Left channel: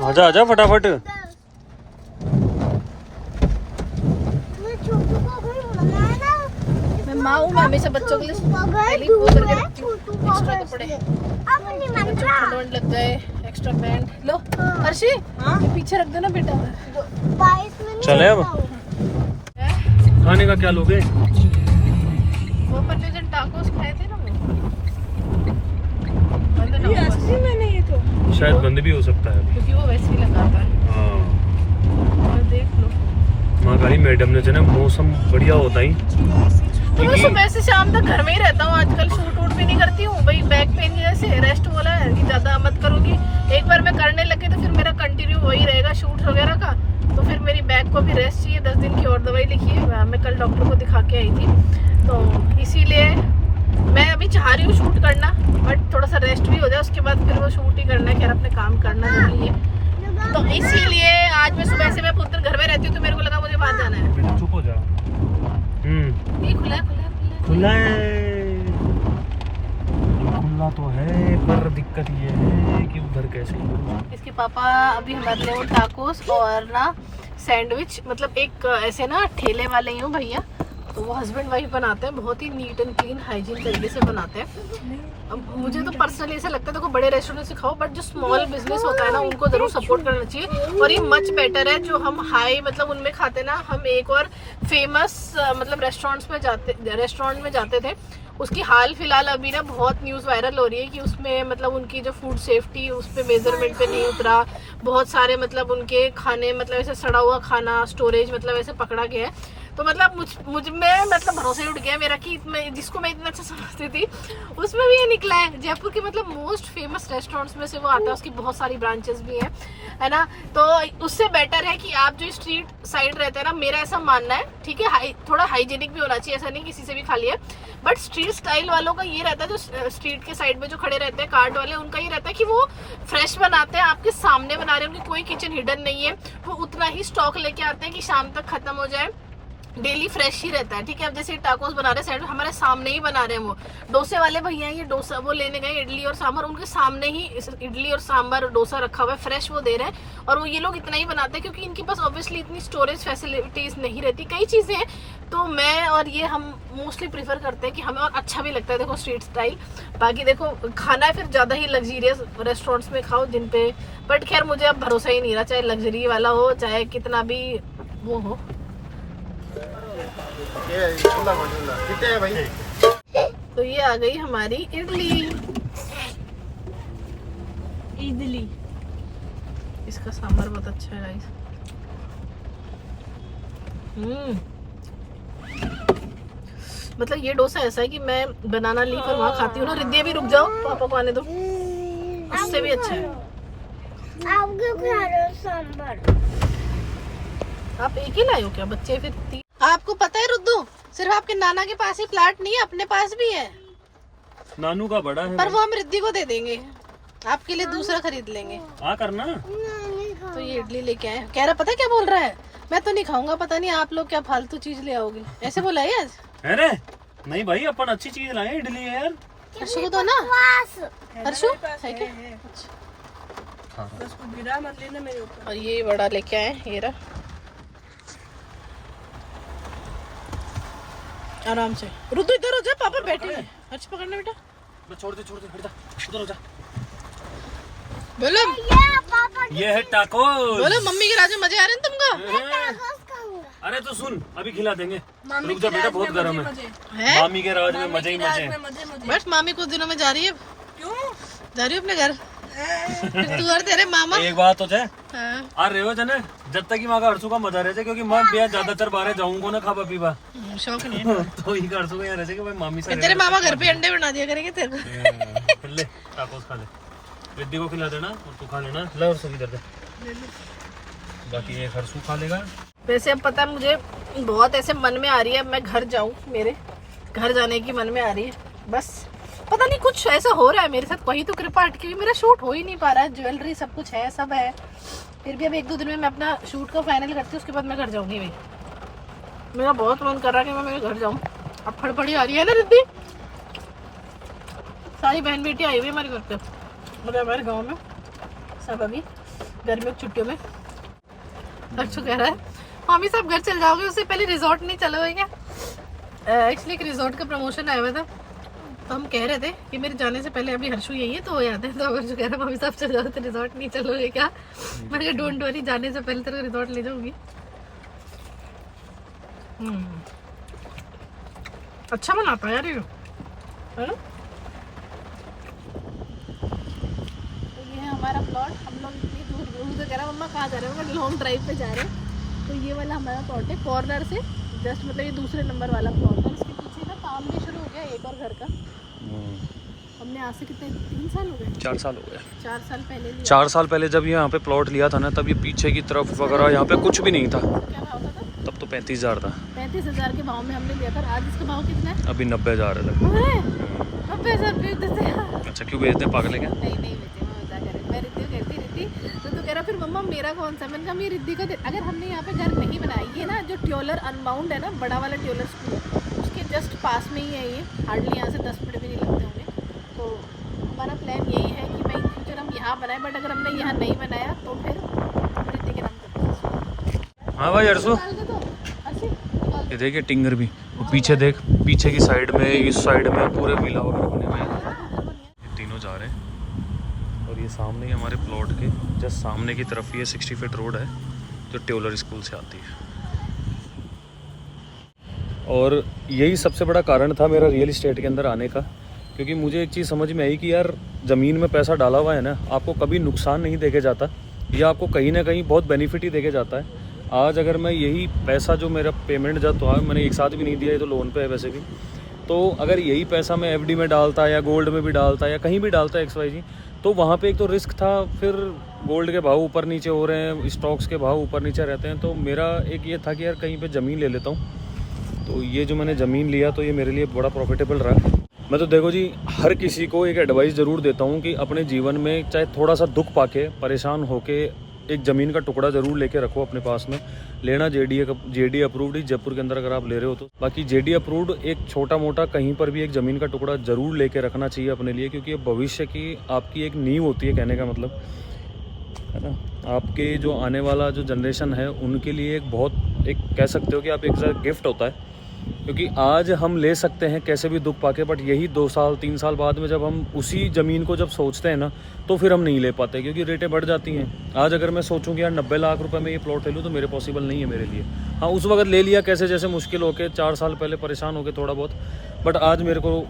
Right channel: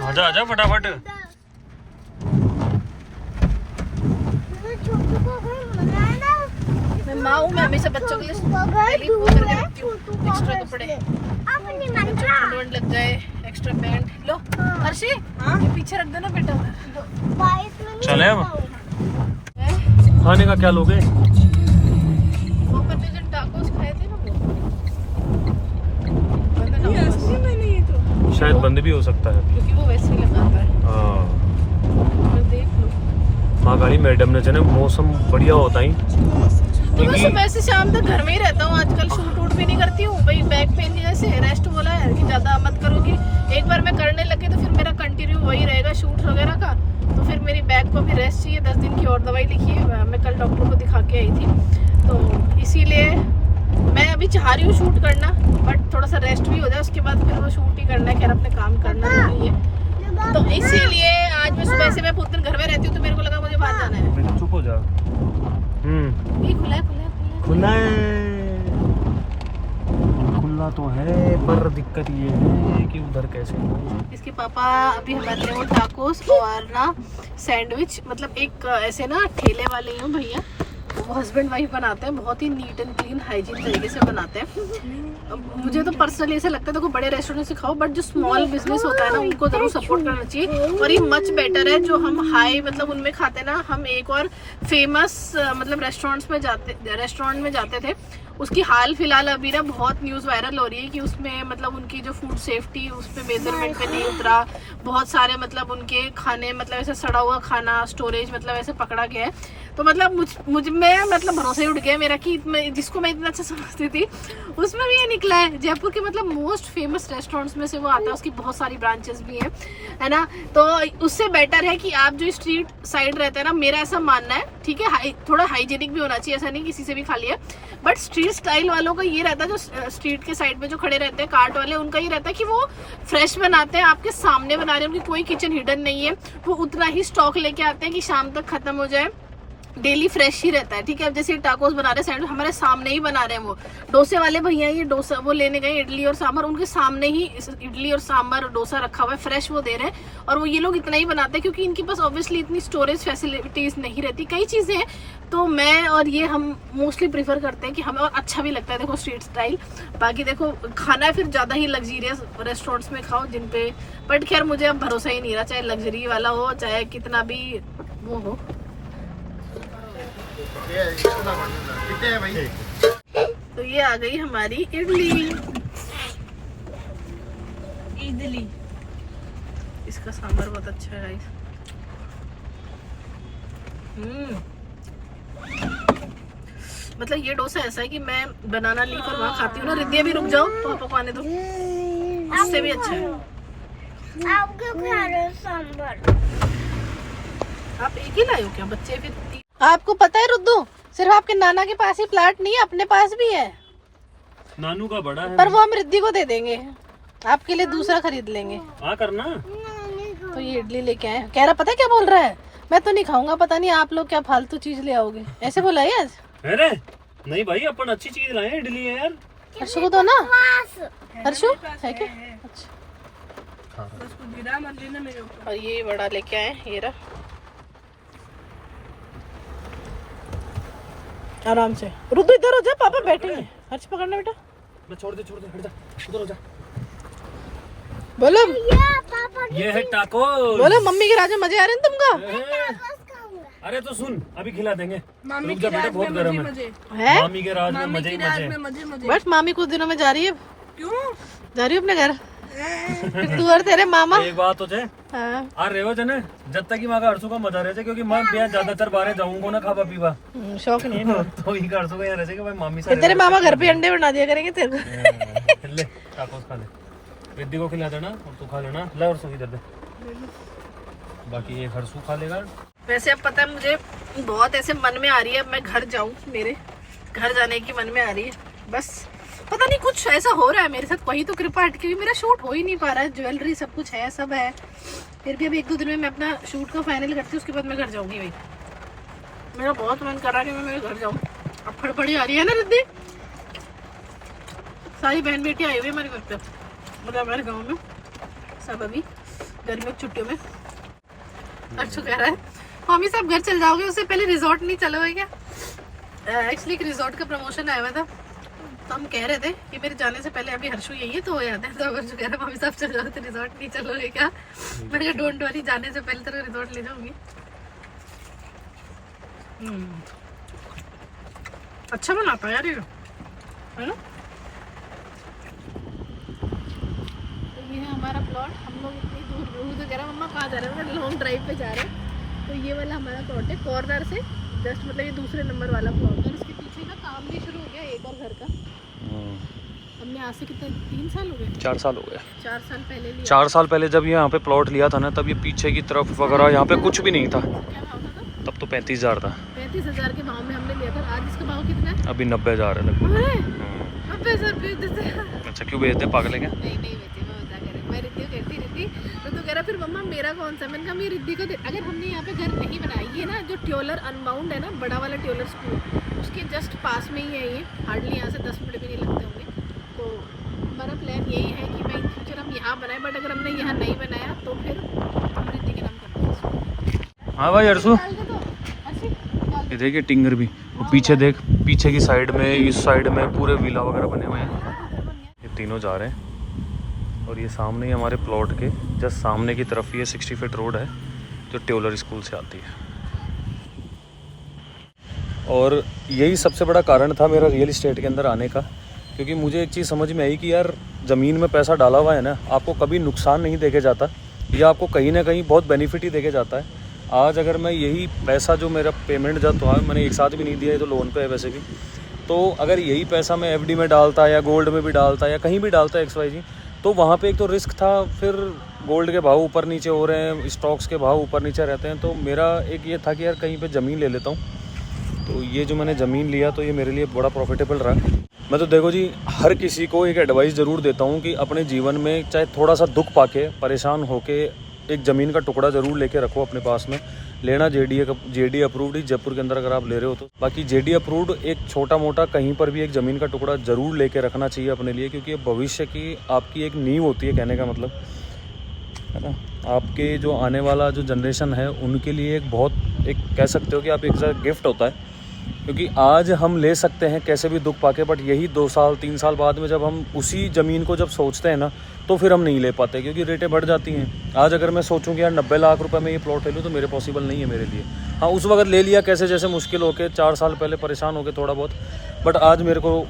आजा आजा फटाफट। मैं माँ हूँ, मैं हमेशा बच्चों के लिए पहले ही वो करके रखती हूँ। एक्स्ट्रा कपड़े ठंड लग गए, एक्स्ट्रा पैंट लो। हर्षी ये पीछे रख दो ना बेटा। चले अब खाने का क्या लोगे? वो अपन ने जब टाकोस खाए थे ना वो मैंने ये तो शायद बंद भी हो सकता है क्योंकि वो वैसे ही लगाता है। हाँ और देख लो महाकाली मैडम ने जो मौसम बढ़िया होता ही तो मैं सुबह से शाम तक घर में ही रहता हूँ आजकल। शूट वूट भी नहीं करती हूँ भाई, बैक पेन की वजह से रेस्ट बोला है कि ज्यादा मत करोगी। एक बार मैं करने लगी तो फिर मेरा कंटिन्यू वही रहेगा शूट वगैरह का। तो फिर मेरी बैक को भी रेस्ट चाहिए। 10 दिन की और दवाई लिखी है, मैं कल डॉक्टर को दिखा के आई थी। तो इसीलिए मैं अभी चाह रही हूँ शूट करना, बट थोड़ा सा रेस्ट भी हो जाए उसके बाद फिर वो शूट ही करना है। खैर अपने काम करना नहीं है, तो इसीलिए आज मैं सुबह से मैं पुत्र घर में रहती हूँ तो मेरे को लगा मुझे बाहर जाना है। चुप हो जा। ये खुला है, खुला है, खुला तो है पर दिक्कत ये है कि उधर कैसे। इसके पापा अभी हमारे लिए वो टाकोस और ना सैंडविच, मतलब एक ऐसे ना ठेले वाले ही हूँ भैया, वो हस्बैंड वाइफ बनाते हैं। बहुत ही नीट एंड क्लीन हाइजीन तरीके से बनाते हैं। मुझे तो पर्सनली ऐसे लगता है देखो बड़े रेस्टोरेंट से खाओ, बट जो स्मॉल बिजनेस होता है ना उनको जरूर सपोर्ट करना चाहिए। और ये मच बेटर है जो हम हाई मतलब उनमें खाते ना। हम एक और फेमस मतलब रेस्टोरेंट में जाते थे, उसकी हाल फिलहाल अभी ना बहुत न्यूज़ वायरल हो रही है कि उसमें मतलब उनकी जो फूड सेफ्टी उस पे मेजरमेंट पे नहीं उतरा। बहुत सारे मतलब उनके खाने मतलब ऐसे सड़ा हुआ खाना स्टोरेज मतलब ऐसे पकड़ा गया है। तो मतलब मुझ में मतलब भरोसा ही उठ गया मेरा कि जिसको मैं इतना अच्छा समझती थी उसमें भी ये निकला है। जयपुर के मतलब मोस्ट फेमस रेस्टोरेंट्स में से वो आता है, उसकी बहुत सारी ब्रांचेस भी हैं, है ना। तो उससे बेटर है कि आप जो स्ट्रीट साइड रहते हैं ना, मेरा ऐसा मानना है, ठीक है, थोड़ा हाइजीनिक भी होना चाहिए, ऐसा नहीं किसी से भी खा लिया। बट स्ट्रीट स्टाइल वालों का ये रहता है, जो स्ट्रीट के साइड में जो खड़े रहते हैं कार्ट वाले, उनका ये रहता है कि वो फ्रेश बनाते हैं, आपके सामने बना रहे हैं, उनकी कोई किचन हिडन नहीं है। वो उतना ही स्टॉक लेके आते हैं कि शाम तक खत्म हो जाए, डेली फ्रेश ही रहता है, ठीक है। अब जैसे टाकोस बना रहे सैंडविच हमारे सामने ही बना रहे हैं। वो डोसे वाले भैया ये डोसा वो लेने गए इडली और सांभर, उनके सामने ही इडली और सांभर और डोसा रखा हुआ है, फ्रेश वो दे रहे हैं। और वो ये लोग इतना ही बनाते हैं क्योंकि इनके पास ऑब्वियसली इतनी स्टोरेज फैसिलिटीज नहीं रहती, कई चीजें हैं। तो मैं और ये हम मोस्टली प्रीफर करते हैं कि हमें, और अच्छा भी लगता है देखो स्ट्रीट स्टाइल। बाकी देखो खाना फिर ज्यादा ही लग्जरियस रेस्टोरेंट्स में खाओ जिन पे, बट खैर मुझे अब भरोसा ही नहीं रहा, चाहे लग्जरी वाला हो चाहे कितना भी वो हो। तो ये आ गई हमारी इडली। इसका सांभर बहुत अच्छा है गाइस। मतलब ये डोसा ऐसा है कि मैं बनाना लीफ और वहाँ खाती हूँ ना। रिद्धिया भी रुक जाओ, पापा को आने दो, उससे भी अच्छा है। आप क्यों खा रहे हो सांभर? आप एक ही लाए हो क्या बच्चे? फिर आपको पता है रुद्दू, सिर्फ आपके नाना के पास ही प्लाट नहीं है, अपने पास भी है। नानू का बड़ा है पर वो हम रिद्धि को दे देंगे, आपके लिए दूसरा खरीद लेंगे। हाँ करना। तो ये इडली लेके आए, कह रहा पता है क्या बोल रहा है, मैं तो नहीं खाऊंगा, पता नहीं आप लोग क्या फालतू चीज ले आओगे, ऐसे बोला है आज। अरे नहीं भाई, अपन अच्छी चीज लाए, इडली है यार। हर्षु को दो ना, हर्षु है क्या? और ये बड़ा लेके आए, ये रहा, आराम से। रुद्दू इधर हो जा, पापा बैठे हैं। हर्ष पकड़ना बेटा, छोड़ दे हट जा, उधर हो जा। बोलो ये है टाको। बोलो मम्मी के राज में मजे आ रहे हैं तुमको? अरे तो सुन, अभी खिला देंगे, रुक जा बेटा, बहुत गर्म है। मामी के राज में मजे ही मजे। बस मामी कुछ दिनों में जा रही है। क्यों जा रही है अपने घर? तू और तेरे मामा एक बात हो जाए, आ रहे हो जने जब तक कि माँ का हर्षु का मजा रहे, क्योंकि मैं बेहद ज्यादातर बाहर जाऊंगा ना खावा पीवा, शौक नहीं तो ही हर्षु का यहाँ रहे कि भाई मामी से तेरे मामा घर पे अंडे बना दिया करेंगे तेरे को। ले टाकोस खा ले, रिद्धि को खिला देना और तू खा लेना। ला हर्षु भी दे दे, बाकी ये हर्षु खा लेगा। वैसे अब पता है मुझे बहुत ऐसे मन में आ रही है, अब मैं घर जाऊं, मेरे घर जाने की मन में आ रही है। बस पता नहीं कुछ ऐसा हो रहा है मेरे साथ, कोई तो कृपा अटकी हुई, मेरा शूट हो ही नहीं पा रहा है। ज्वेलरी सब कुछ है, सब है, फिर भी अब 1-2 दिन में मैं अपना शूट का फाइनल करती हूँ, उसके बाद मैं घर जाऊंगी। भाई मेरा बहुत मन कर रहा है कि मैं मेरे घर जाऊँ। अब फड़फड़ी आ रही है ना रिद्धि, सारी बहन बेटी आई हुई हमारे घर पे। और हमारे गांव में सब अभी गर्मियों की छुट्टियों में हर्षु कह रहा है मम्मी सब घर चल जाओगे, उससे पहले रिजॉर्ट नहीं चलोगे क्या? एक्चुअली एक रिजॉर्ट का प्रमोशन आया हुआ था, तो हम कह रहे थे कि मेरे जाने से पहले अभी हर्षु यही है तो हो जाता है। तो हर्षु कह रहा है मम्मी सब चल जाओ तो रिजॉर्ट नहीं चलोगे क्या? मैंने कहा डोंट वरी, जाने से पहले तेरे रिजॉर्ट ले जाऊंगी। अच्छा बनाता यार ये, है ना? ये है हमारा प्लॉट। हम लोग इतनी दूर तो कह रहा मम्मा कहाँ जा रहे हो, लॉन्ग ड्राइव पे जा रहे हैं। तो ये वाला हमारा प्लॉट है, कॉर्नर से जस्ट मतलब ये दूसरे नंबर वाला प्लॉट है। इसके पीछे का काम भी शुरू हो गया एक और घर का। हमने आज से कितने 3 साल हो गए? 4 साल हो गए। 4 साल पहले लिया। 4 साल पहले जब यहाँ पे प्लॉट लिया था ना, तब ये पीछे की तरफ वगैरह यहाँ पे कुछ भी नहीं था। क्या भाव था तब? तब तो 35,000 था। 35,000 के भाव में हमने लिया था। आज इसका भाव कितना है? अभी 90,000 है लगभग। 90,000 बेच देते हैं। अच्छा क्यों बेचते हैं, पागल है क्या? नहीं बेचे, मैं मजा कर रही हूँ। मैं रिद्धि को कहती रिद्धि तो तू कह रहा फिर मम्मा मेरा कौन सा? मैंने कहा मेरी रिद्धि को अगर हमने यहाँ पे घर नहीं बनाया, ये ना जो ट्योलर अनबाउंड है ना, बड़ा वाला ट्योलर स्कूल है, उसके जस्ट पास में ही है ये। हार्डली यहाँ से 10 मिनट भी नहीं लगते होंगे। तो हमारा प्लान यही है कि भाई इन फ्यूचर हम यहाँ बनाए, बट अगर हमने यहाँ नहीं बनाया तो फिर रिद्धि के नाम करते हैं। हाँ भाई अरसू, ये देखिए टिंगर भी, और पीछे देख, पीछे की साइड में, इस साइड में पूरे विला वगैरह बने हुए हैं। ये तीनों जा रहे हैं और ये सामने ही हमारे प्लॉट के जस्ट सामने की तरफ ये 60 फीट रोड है जो ट्योलर स्कूल से आती है। और यही सबसे बड़ा कारण था मेरा रियल इस्टेट के अंदर आने का, क्योंकि मुझे एक चीज़ समझ में आई कि यार ज़मीन में पैसा डाला हुआ है ना, आपको कभी नुकसान नहीं देके जाता, या आपको कहीं ना कहीं बहुत बेनिफिट ही देके जाता है। आज अगर मैं यही पैसा जो मेरा पेमेंट जब तो मैंने एक साथ भी नहीं दिया, ये तो लोन पे है वैसे भी, तो अगर यही पैसा मैं एफडी में डालता या गोल्ड में भी डालता या कहीं भी डालता XYZ, तो वहाँ पे एक तो रिस्क था, फिर गोल्ड के भाव ऊपर नीचे हो रहे हैं, स्टॉक्स के भाव ऊपर नीचे रहते हैं। तो मेरा एक ये था कि यार कहीं पे ज़मीन ले लेता हूँ। तो ये जो मैंने ज़मीन लिया तो ये मेरे लिए बड़ा प्रॉफिटेबल रहा। मैं तो देखो जी, हर किसी को एक एडवाइस ज़रूर देता हूँ कि अपने जीवन में चाहे थोड़ा सा दुख पाके, परेशान होके, एक ज़मीन का टुकड़ा ज़रूर लेके रखो अपने पास में। लेना JD अप्रूव्ड ही, जयपुर के अंदर अगर आप ले रहे हो तो। बाकी JD अप्रूव्ड एक छोटा मोटा कहीं पर भी एक ज़मीन का टुकड़ा ज़रूर लेके रखना चाहिए अपने लिए, क्योंकि ये भविष्य की आपकी एक नींव होती है, कहने का मतलब है ना। आपके जो आने वाला जो जनरेशन है उनके लिए एक बहुत एक कह सकते हो कि आप एक गिफ्ट होता है, क्योंकि आज हम ले सकते हैं कैसे भी दुख पाके, बट यही 2 साल 3 साल बाद में जब हम उसी ज़मीन को जब सोचते हैं ना, तो फिर हम नहीं ले पाते, क्योंकि रेटें बढ़ जाती हैं। आज अगर मैं सोचूं कि यार 90 लाख रुपए में ये प्लॉट ले लूँ तो मेरे पॉसिबल नहीं है मेरे लिए। हाँ, उस वक्त ले लिया कैसे जैसे मुश्किल होके, 4 साल पहले परेशान होके थोड़ा बहुत, बट आज मेरे को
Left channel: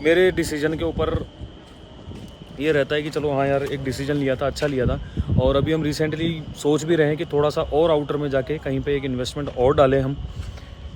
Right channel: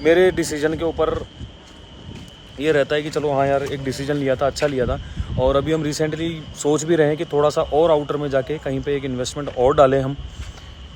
मेरे डिसीजन के ऊपर ये रहता है कि चलो हाँ यार एक डिसीजन लिया था, अच्छा लिया था। और अभी हम रिसेंटली सोच भी रहे हैं कि थोड़ा सा और आउटर में जाके कहीं पे एक इन्वेस्टमेंट और डालें हम,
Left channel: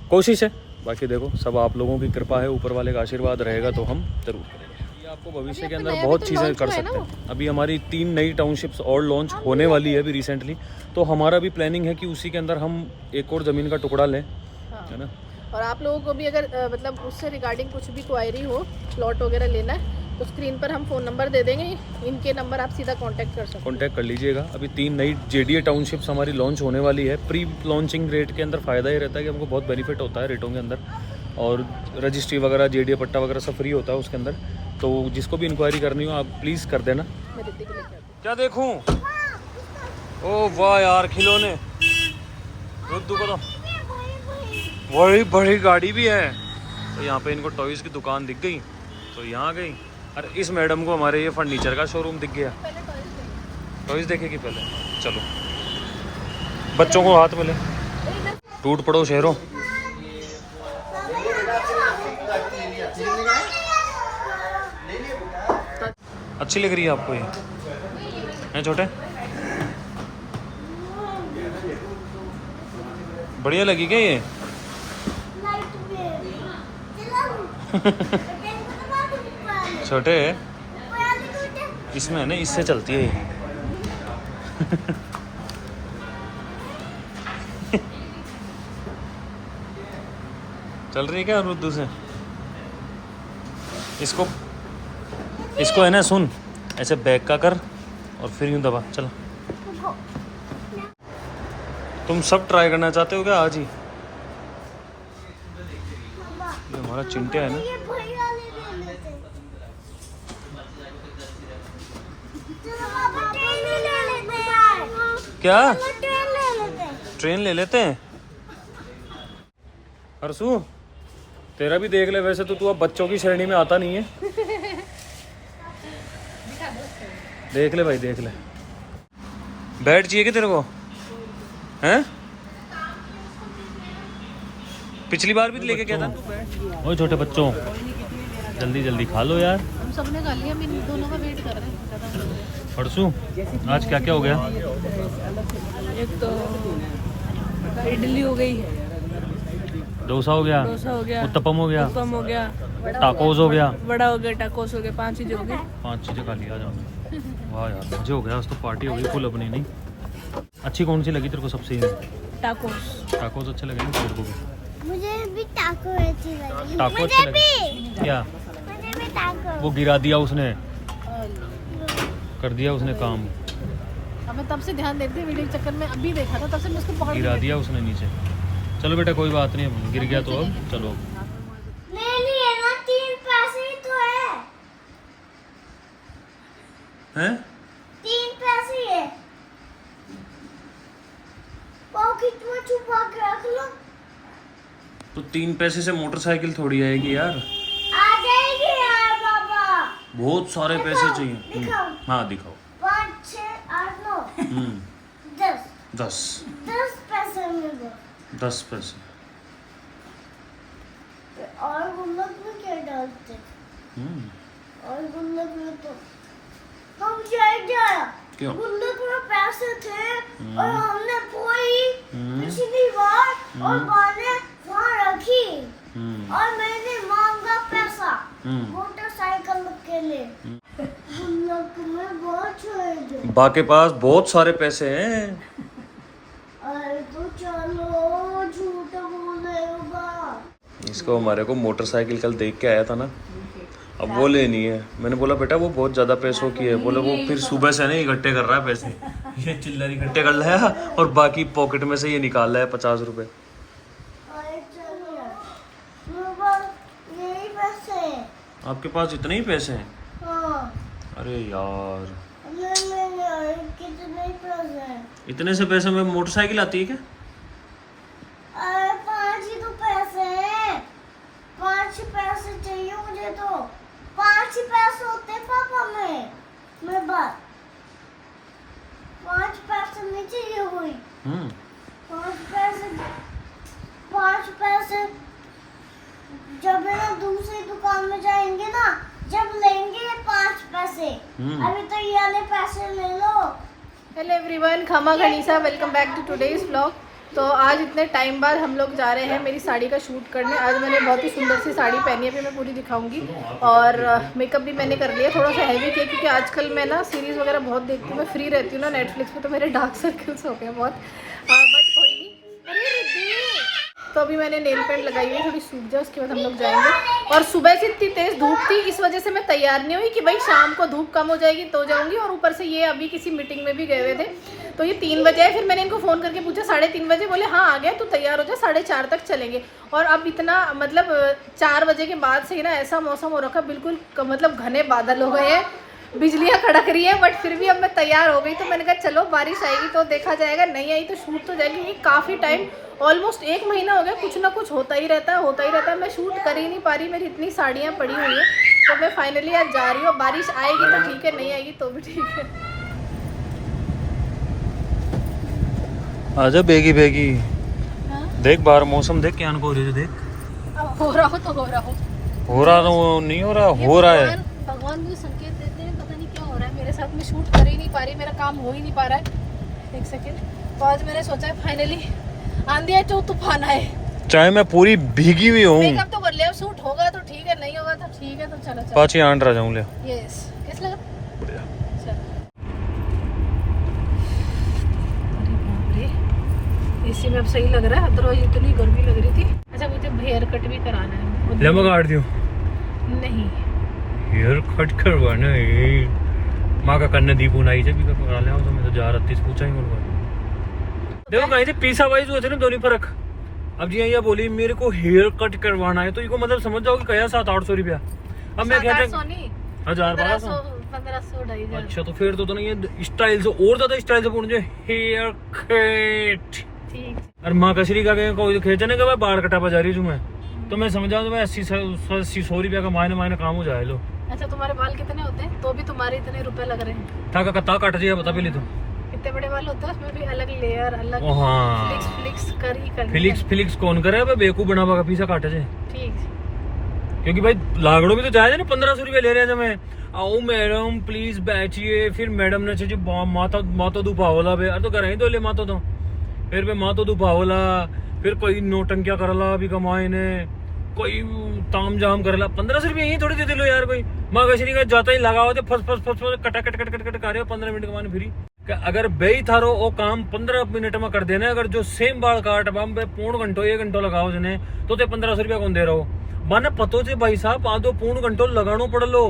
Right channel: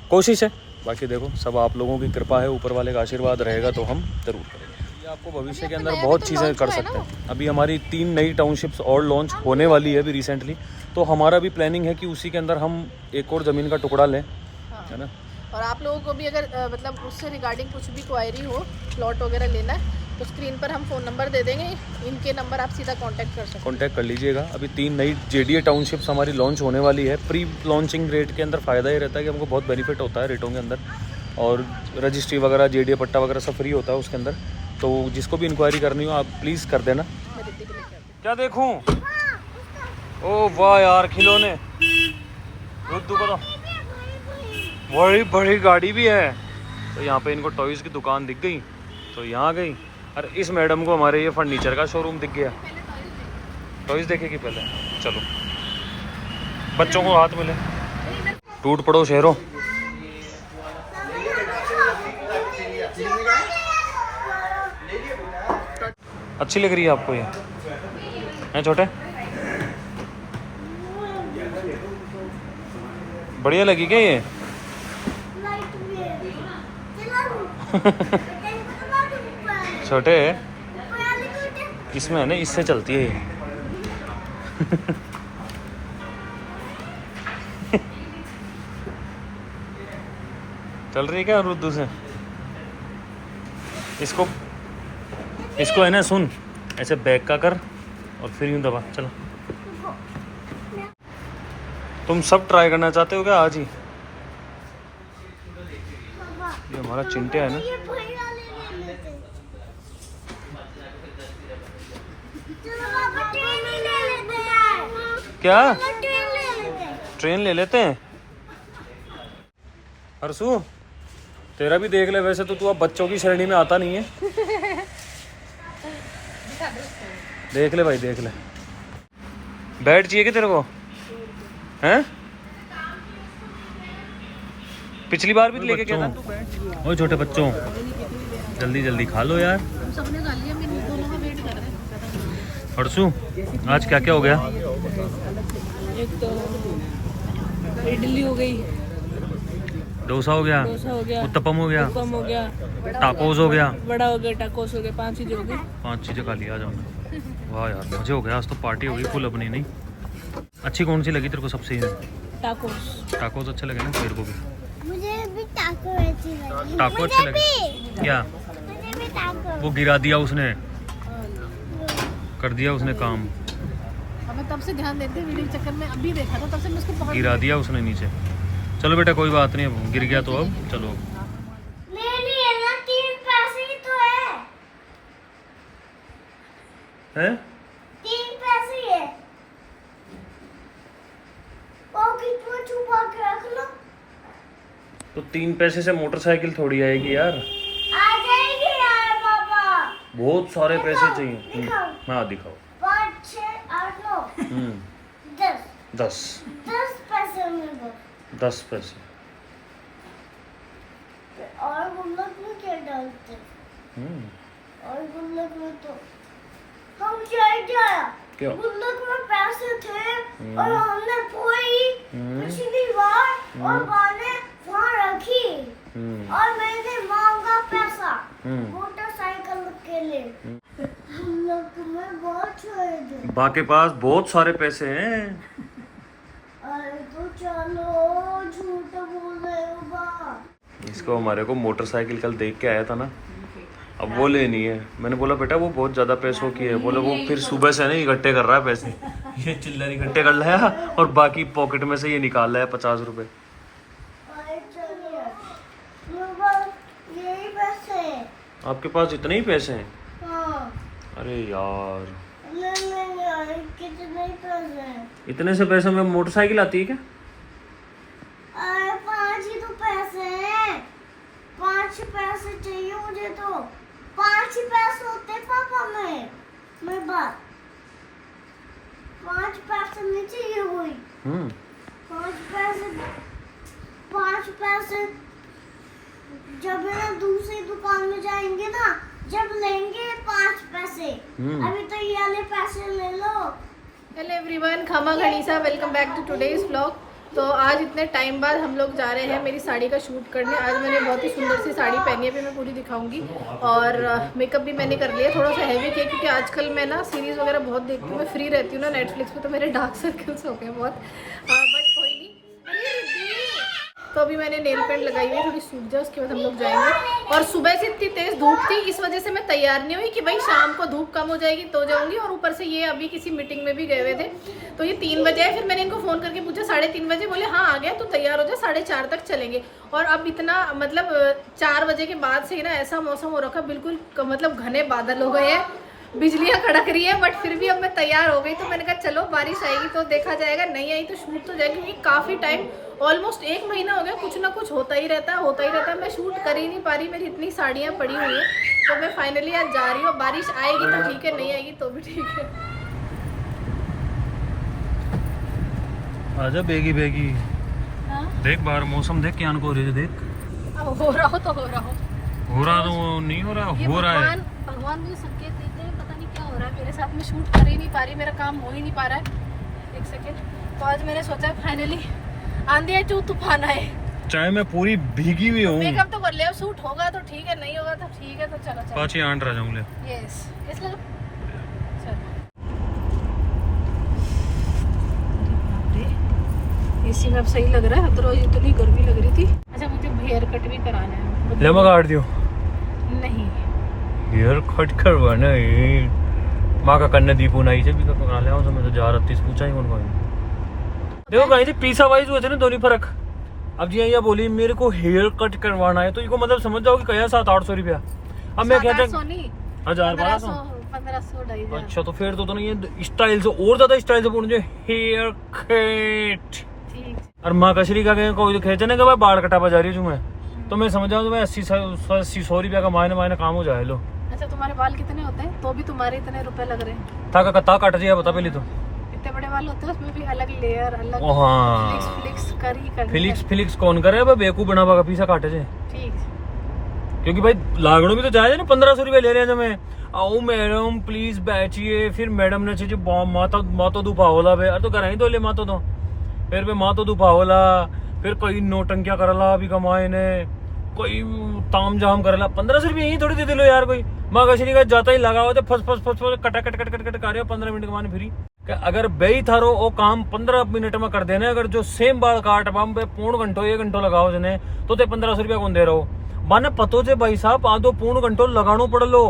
कोशिश है। बाकी देखो सब आप लोगों की कृपा है, ऊपर वाले का आशीर्वाद रहेगा तो हम ज़रूर करेंगे। ये आपको भविष्य के अंदर बहुत चीज़ें कर सकते हैं। अभी हमारी 3 नई टाउनशिप्स और लॉन्च होने वाली है अभी रिसेंटली, तो हमारा भी प्लानिंग है कि उसी के अंदर हम एक और ज़मीन का टुकड़ा लें, है ना। और आप लोगों को भी अगर मतलब उससे रिगार्डिंग कुछ भी क्वायरी हो, प्लॉट वगैरह लेना है, तो स्क्रीन पर हम फ़ोन नंबर दे देंगे, इनके नंबर आप सीधा कांटेक्ट कर सकते हैं, कांटेक्ट कर लीजिएगा। अभी 3 नई JDA टाउनशिप्स हमारी लॉन्च होने वाली है। प्री लॉन्चिंग रेट के अंदर फ़ायदा ये रहता है कि हमको बहुत बेनिफिट होता है रेटों के अंदर, और रजिस्ट्री वगैरह JDA पट्टा वगैरह सब फ्री होता है उसके अंदर। तो जिसको भी इंक्वायरी करनी हो आप प्लीज़ कर देना। क्या देखूँ? ओ वाह यार, खिलौने, रुद्दू को तो बड़ी बड़ी गाड़ी भी है। तो यहाँ पे इनको टॉयज़ की दुकान दिख गई तो यहाँ गई। अरे इस मैडम को हमारे ये फर्नीचर का शोरूम दिख गया। टॉयज़ देखेगी पहले, चलो बच्चों को हाथ मिले। टूट पड़ो शहरों। अच्छी लग रही है आपको ये, हैं छोटे? बढ़िया लगी क्या ये? छोटे इसमें है ना, इससे चलती है ये। चल रही है क्या रुद्दू से? इसको है ना, सुन ऐसे बैक का कर और फिर यूं दबा, चलो। तुम सब ट्राई करना चाहते हो क्या आज ही? ये हमारा चिंटिया है ना, क्या ट्रेन ले लेते हैं। ट्रेन ले लेते हैं? हर्षू तेरा भी देख ले, वैसे तो तू अब बच्चों की श्रेणी में आता नहीं है। देख ले भाई देख ले। बैट चाहिए कि तेरे को? हैं? पिछली बार भी लेके गया था तू बैट। ओए छोटे बच्चों जल्दी जल्दी खा लो यार। हम सबने खा लिया, हम इन दोनों का वेट कर रहे हैं। हर्षू आज क्या क्या हो गया? एक तो इडली हो गई, डोसा हो गया, डोसा हो गया, उत्तपम हो गया, उत्तपम हो गया, टाकोस हो गया, बड़ा हो गया, टाकोस हो गया, 5 चीजें हो गई। 5 चीजें खा लिया। आ जाओ। वाह यार मजे हो गया आज तो, पार्टी हो गई फुल अपनी। नहीं अच्छी कौन सी लगी तेरे को सबसे? टाकोस। टाकोस अच्छे लगे ना तेरे को भी? मुझे भी टाको अच्छी लगी। टाको अच्छे लगे क्या? मुझे भी टाको। वो गिरा दिया उसने, कर दिया उसने काम, हमें तब से ध्यान देते वीडियो के चक्कर में, अभी देखा था तब से मैं उसको बहुत गिरा दिया उसने नीचे। चलो बेटा कोई बात नहीं, अब गिर गया तो अब चलो। नहीं है ना, 3 पैसे ही तो है। हैं? 3 पैसे ही है। पॉकेट में छुपा के रख लो। तो 3 पैसे से मोटरसाइकिल थोड़ी आएगी यार। आ जाएगी यार बाबा। बहुत सारे पैसे चाहिए। दिखाओ। हाँ दिखाओ। 5, 6, 8, 9, 10। 10 पैसे में दो। 10 पैसे। और गुल्लक में क्या डालते? और गुल्लक में तो हम जाया क्यों? गुल्लक में पैसे थे और हमने कोई पिछली बार और मैंने वहाँ रखी और मैंने मांगा पैसा मोटरसाइकिल के लिए। गुल्लक में बहुत छोड़ दो। बा के पास बहुत सारे पैसे हैं। अरे तो चलो, झूठ बोल रहे हो बा। इसको हमारे को मोटरसाइकिल कल देख के आया था ना, अब वो लेनी है। मैंने बोला बेटा वो बहुत ज़्यादा पैसों की है। बोले वो फिर सुबह से नहीं इकट्ठे कर रहा है पैसे। ये चिल्लर इकट्ठे कर लाया और बाकी पॉकेट में से ये निकाल लाया 50 रुपए। अरे चलिए, मेरे पास यही पैसे हैं। आपके पास इतने ही पैसे हैं? हाँ। अरे यार नहीं, कितने पैसे हैं? इतने से पैसे में मोटरसाइकिल आती है क्या? अरे 5 ही तो पैसे हैं। 5 पैसे चाहिए मुझे तो। 5 पैसे होते पापा में मेरे पास। 5 पैसे नहीं चाहिए कोई। 5 पैसे जब है ना दूसरी दुकान में जाएंगे ना, जब लेंगे 5 पैसे। अभी तो ये वाले पैसे ले लो। हेलो एवरीवन, खमा गणिसा, welcome back to today's vlog. तो आज इतने टाइम बाद हम लोग जा रहे हैं मेरी साड़ी का शूट करने। आज मैंने बहुत ही सुंदर सी साड़ी पहनी है, अभी मैं पूरी दिखाऊंगी। और मेकअप भी मैंने कर लिया, थोड़ा सा हैवी किया क्योंकि आजकल मैं ना सीरीज़ वगैरह बहुत देखती हूँ, मैं फ्री रहती हूँ ना नेटफ्लिक्स पे, तो मेरे डार्क सर्कल्स हो गए बहुत। बट कोई नहीं। अरे रिद्धि, तो अभी मैंने नेल पेंट लगाई हुई है, थोड़ी सूख जाए उसके बाद हम लोग जाएंगे। और सुबह से इतनी तेज़ धूप थी, इस वजह से मैं तैयार नहीं हुई कि भाई शाम को धूप कम हो जाएगी तो जाऊंगी। और ऊपर से ये अभी किसी मीटिंग में भी गए हुए थे, तो ये 3 बजे है। फिर मैंने इनको फ़ोन करके पूछा 3:30 बजे, बोले हाँ आ गया, तो तैयार हो जाए, 4:30 तक चलेंगे। और अब इतना मतलब 4 बजे के बाद से ही ना ऐसा मौसम हो रखा, बिल्कुल मतलब घने बादल हो गए हैं, बिजलियाँ कड़क रही है। बट फिर भी अब मैं तैयार हो गई, तो मैंने कहा चलो बारिश आएगी तो देखा जाएगा, नहीं आई तो शूट तो जाएगी। क्योंकि काफ़ी टाइम, ऑलमोस्ट 1 महीना हो गया, कुछ ना कुछ होता ही रहता है। मैं शूट कर ही नहीं पा रही, मेरी इतनी साड़ियाँ पड़ी हुई हैं। तो मैं फाइनली आज जा रही हूँ। बारिश आएगी तो ठीक है, नहीं आएगी तो भी ठीक है। आजा बेगी बेगी। हाँ? देख बाहर मौसम देख, क्या हो रही है देख। अब हो रहा हो तो हो रहा हो, हो रहा तो नहीं हो रहा, हो रहा है। भगवान मुझे संकेत देते हैं, पता नहीं क्या हो रहा है मेरे साथ। मैं शूट कर ही नहीं पा रही, मेरा काम हो ही नहीं पा रहा है। 1 सेकेंड। तो आज मैंने सोचा फाइनली आंधी है तो तूफान आए, चाहे मैं पूरी भीगी हुई हूँ। मेकअप तो कर लिया, शूट होगा तो ठीक है, नहीं होगा तो ठीक है, तो चलो चलो। पाँच ही आंट रह जाऊँ ले। यस, कैसे लगा? इसी में अब सही लग रहा है, अदरवाइज इतनी गर्मी लग रही थी। अच्छा मुझे हेयर कट भी कराना है। ले मैं काट दियो। नहीं, हेयर कट करवाना है। माँ का कन्ने दीपू नाई से भी करा ले, मैं तो जा 38 पूछा ही उनको। देखो भाई से पीसा वाइज हुए थे ना दोनों फर्क। अब जी ये बोली मेरे को हेयर कट करवाना है, तो इनको मतलब समझ जाओ कि कया 700-800 रुपया। अब मैं कहता 700 नहीं, 1000-1200 1500 250 इधर। अच्छा तो फिर तो नहीं ये स्टाइल से और ज्यादा स्टाइल से पूछ हेयर कट ठीक। और माँ कचरी का कोई खेचने का मैं बाल कटा बजा रही हूँ मैं तो मैं समझ जाऊँ 80-100 रुपया का मायने काम हो जाए लो। अच्छा तुम्हारे बाल कितने होते हैं तो भी तुम्हारे इतने रुपए लग रहे हैं? था का कट जाए बता पहले तो इतने बड़े बाल होते हैं उसमें भी अलग लेयर अलग ओ हाँ फ्लिक्स करी करनी फिलिक्स कौन करे अब बेकू बना बा पीसा काटे जे ठीक। क्योंकि भाई लागड़ो भी तो जाए ना 1500 रुपये ले रहे हैं मैं आओ मैडम प्लीज बैठिए फिर मैडम ने चाहिए मातो दुपावला बे अरे तो कर ही तो ले मातो तो फिर पे मातो दुपावला फिर कोई नोटंकिया करला भी कमाए ने कोई ताम जाम करला 1500 रुपये यही थोड़ी दे दे लो यार कोई माँ कचरी का जाता ही लगाओ तो फस कटा कट कर रहे हो 15 मिनट के बाद फ्री अगर बेई थारो वो काम 15 मिनट में कर देना अगर जो सेम बाल काट बम पे पौन घंटो 1 घंटो लगाओ जने तो 1500 रुपया कौन दे रहा हो माने पतो से भाई साहब आधो पौन घंटो लगानो पड़ लो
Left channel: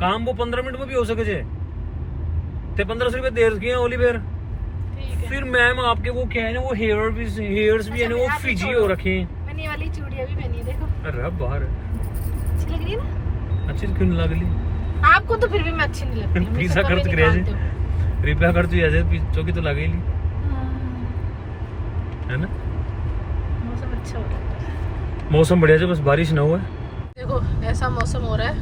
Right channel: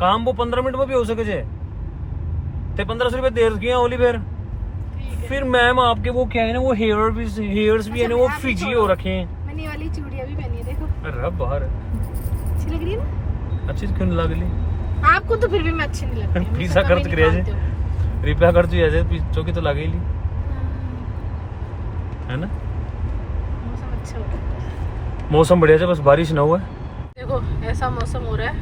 काम वो 15 मिनट में भी हो सके जे ते 1500 रुपये देर किया ओली फिर मैम आपके वो क्या है ना वो हेयर्स भी है ना वो फिजी हो रखे हैं। मैंने ये वाली चूड़ियां भी पहनी है देखो। अरे बाहर अच्छी लग रही है ना? अच्छी क्यों नहीं लगी आपको तो फिर भी मैं अच्छी नहीं लगती। पिज्जा कर तो मुझे क्रिया कभी जी नहीं मानते रिपया कर तू ऐसे चौकी तो लगे ही हो। है ना मौसम अच्छा हो रहा है। मौसम बढ़िया है बस बारिश ना हुआ देखो ऐसा मौसम हो रहा है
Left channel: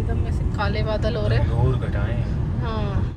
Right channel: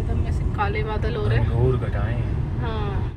एकदम ऐसे काले बादल हो रहे हैं। और घटाएं हाँ